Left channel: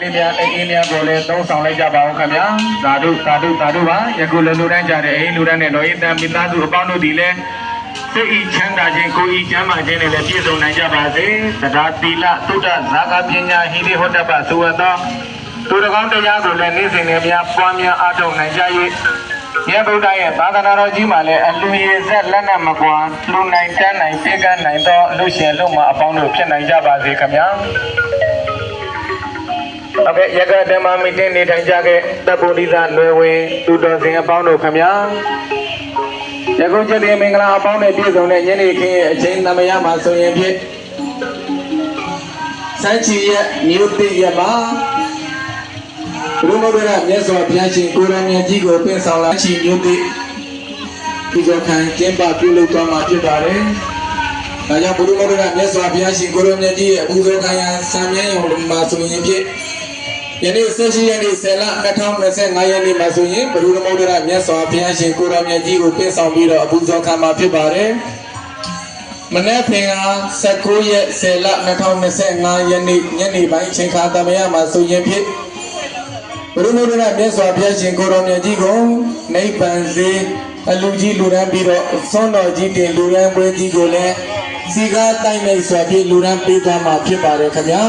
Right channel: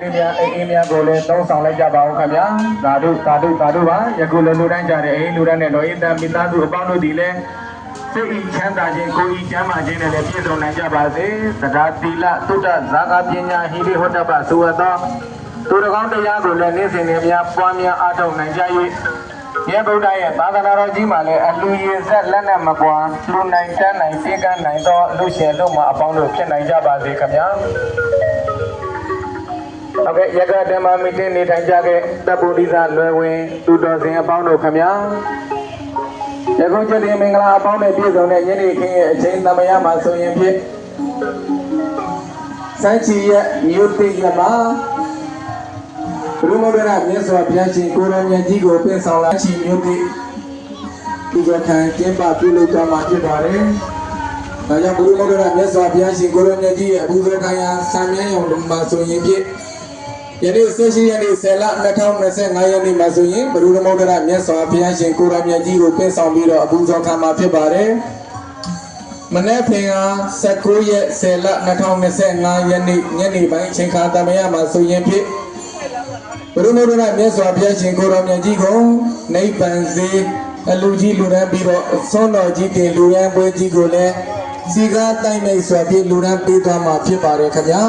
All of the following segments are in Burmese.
လေးများအိမ်များကိုလည်းသုံးဆောင်လိုက်ကြပါဦးခင်ဗျာသာဓုပါယခုလည်းလူတိုင်းကြတဲ့အိမ်လူတိုင်းနဲ့တော်ဤတန်မိသားစုအပေါင်းတို့ဒီလည်းစိတ်ဤချမ်းသာခြင်းကိုယ်ဤချမ်းသာခြင်းနဲ့လည်းပြည့်စုံနိုင်ကြပါစေသဒ္ဓသီလသုဒ္ဓဇာကပညာဟိရိဟောတ္တပသုဝတ္တသူတော်ကောင်းတရားကိုလည်းနေ့စဉ်နဲ့များပွားများအားထုတ်နိုင်ကြ၍မြတ်ဗုဒ္ဓရဲ့သာသနာတော်ကြီးမှာလည်းအလူရည်ဆက်လက်နဲ့မကွာလူနိုင်တန်းနိုင်ပြေကန်းနိုင်သောလူရှင်လူမအပေါင်းတို့ဖြစ်နိုင်ကြပါစေခင်ဗျာဟုတ်ကဲ့ရကဓမ္မမီတင်းနေထိုင်ကြခဲ့တပ်ပုရိသနွယ်ဝင်သူတော်စင်အပေါင်းတို့ခင်ဗျာယခုချက်တင်မင်္ဂလာအပေါင်းနဲ့ပြည့်စုံတဲ့ညနေခင်းရဲ့အချိန်သမယမှာဆိုရင်ဖြင့်စမ်းချီရဲ့မြို့တိရမှာဘုရားမောဂရမြတ်စွာဘုရားရှင်ကိုရောင်မြတ်ကြီးကိုပင့်ဆောင်လာချီမြို့တိဒီကခံကျင်းပပြုလုပ်သွားမှာဖြစ်ပါတယ်။ဒါကြောင့်ဘုရားမောဂရမြတ်စွာဘုရားရှင်ကိုရောင်မြတ်ကြီးရဲ့အပူဇော်ခံရဆံမြန်းရုံမှာဆိုရင်ဖြင့်ယနေ့18ရက်နေ့10လ2025ရက်နေ့မှာဆိုရင်ဘုရားမောဂရမြတ်စွာဘုရားရှင်ကိုရောင်မြတ်ကြီးကိုပင့်ဆောင်ပြီးတော့အပူဇော်ခံမှာဖြစ်ပါတယ်။မနေ့ဖင်က19ရက်10လ2025ရက်နေ့ညနေပိုင်းအချိန်ခါသမယမှာဆိုရင်ဖြင့်ဘုရားမောဂရမြတ်စွာဘုရားရှင်ကိုရောင်မြတ်ကြီးကိုနိဗ္ဗာန်စေအလူကြီးလူရန်ပြီးတော့ဆုံးတော်ကြီးတင်လူရန်ပွဲကြီးကိုလည်းစီကားတိုင်းမိတ်စွာဖြင့်လူရန်ပေးသွားမှာဖြစ်ပါတယ်ခင်ဗျာ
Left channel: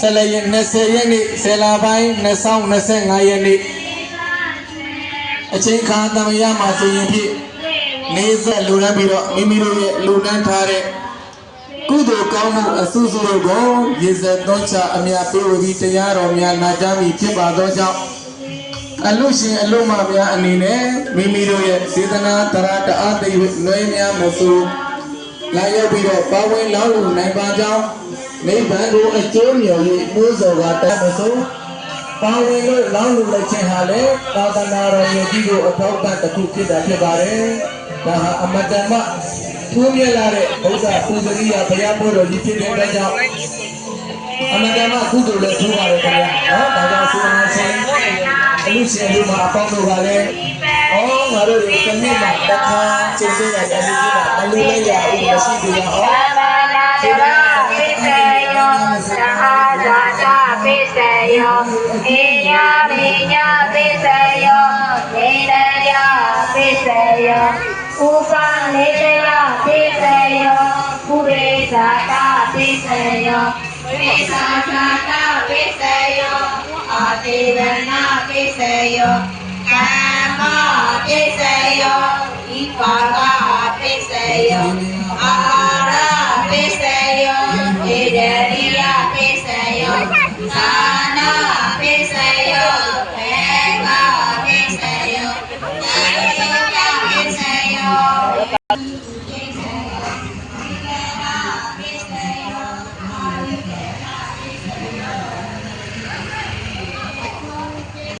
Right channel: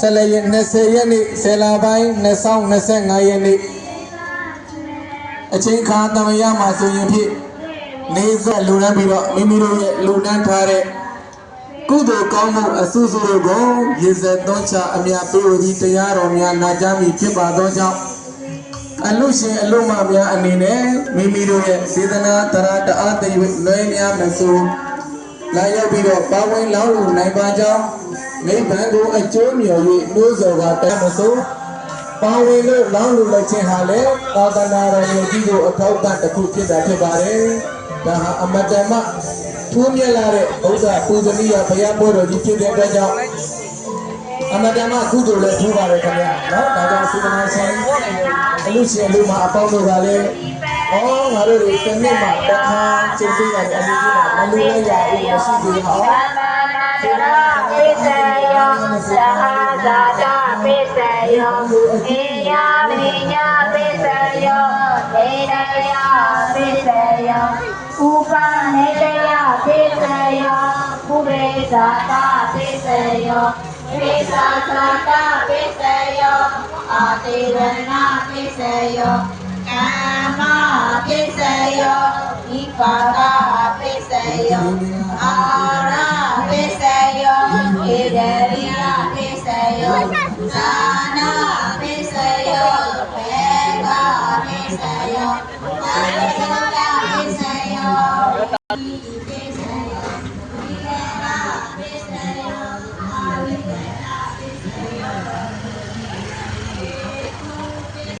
ဆက်လက်20ရက်နေ့10လပိုင်း2025ရက်နေ့အချိန်ခါသမယမှာဆိုရင်ဖြင့်နေဆက်လူရန်ပြီးတော့မိမိတို့ရဲ့လူရန်ထားတဲ့ကုသိုလ်ကောင်းမှုအစုစုတို့ကိုရေစက်သွန်းချအမြတ်ပေးပြီးတရားတော်များနာကြားမိဖြစ်ပါသောကြောင့်အလူရှင်အလုံးမများအနေနဲ့မိမိတို့ရဲ့စေတနာတရားတအားသိ၍လွဲများမဆိုလာရောက်ပြီးတော့ပါဝင်လောင်းလူနိုင်ပါကြောင်းနိဗ္ဗာန်ကိုအကျိုးမြော်၍နှိုးဆော်ကတတ်မဆိုပါဝင်လို့လောင်းလူလက်ချင်းဟာလည်းသာသနာတော်ကြီးကိုအထောက်အပံ့တစ်ခုဖြစ်တာဖြစ်ပါတယ်။ဒါဟာအမတ္တမထိုးမြလာတဲ့ဘုရားပူဇော်ရဘုရားဘောတော်ကြီးဖြစ်တဲ့အတွက်ကြောင့်အမတ္တမကုသိုလ်လည်းထိုးပါရခင်ဗျာနော်ဒါကြောင့်စေတနာဆိုင်အလူရှင်လူမအပေါင်းတို့ကလည်းငါတို့ဒီတစ်နေ့မှာတစ်ခါကျင့်ပေးတဲ့အလူကြီးမှာအလူလေးရဦးမရှိသေးပါဘူးစေတနာပိစေယောသဟဇာတာပိစေယောအေယမိညာပိစေယောနေရယပိစေယောဥပနေရယပိစေယောပုရိသတာပိစေယောပိသသတာပိစေယောအာတိဝနာပိစေယောကာမပိစေယောဣပါဒပိစေယောအာရပိစေယောဣဒရိယပိစေယောသာနာပိစေယောဘေကပိစေယောအာရိယပိစေယော